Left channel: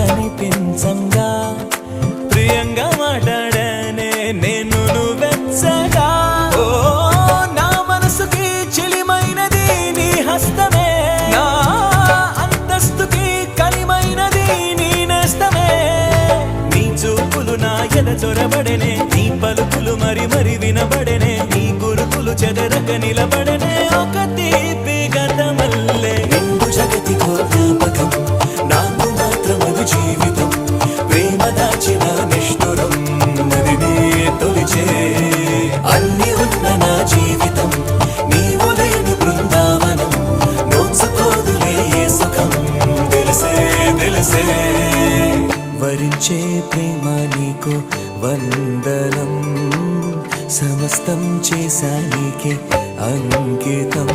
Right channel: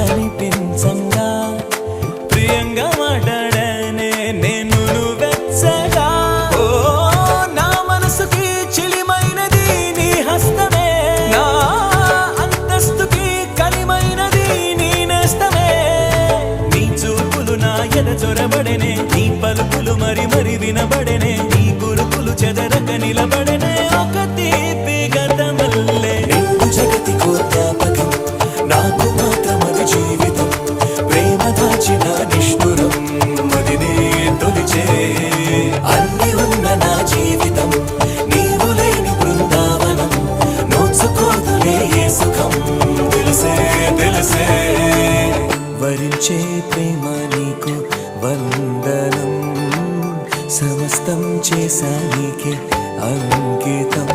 కనిపించంగా ప్రియంగా మాట్లాడనే నేను వెచ్చగా ఓ నా మనసుకి చిలిమైనది నీ హస్తమే నా అంతస్తుకి కలిమైనది నీ నేస్తమే నీ చూపులు నా ఎద చొరబడెనే నీ పలుకులు మరి మరి వినబడెనే నీ గురుకులు చెదరక నిలబడెనే ఒక తీపి గతమల్లే రెండు జగతికో జ్ఞాపకం నాకు మాత్రమది జీవితం ప్రేమ దాచిన నిష్ఠురం అది నే తొలిచే అన్ని ఉన్న నా జీవితం నీవు లేని బృందావనం నోచుకోదులే ఏ సుఖం తెలిసే తెలిసే వరించే ప్రేమ నీకు వందనం సమస్తం చేశా నీకే అంకితం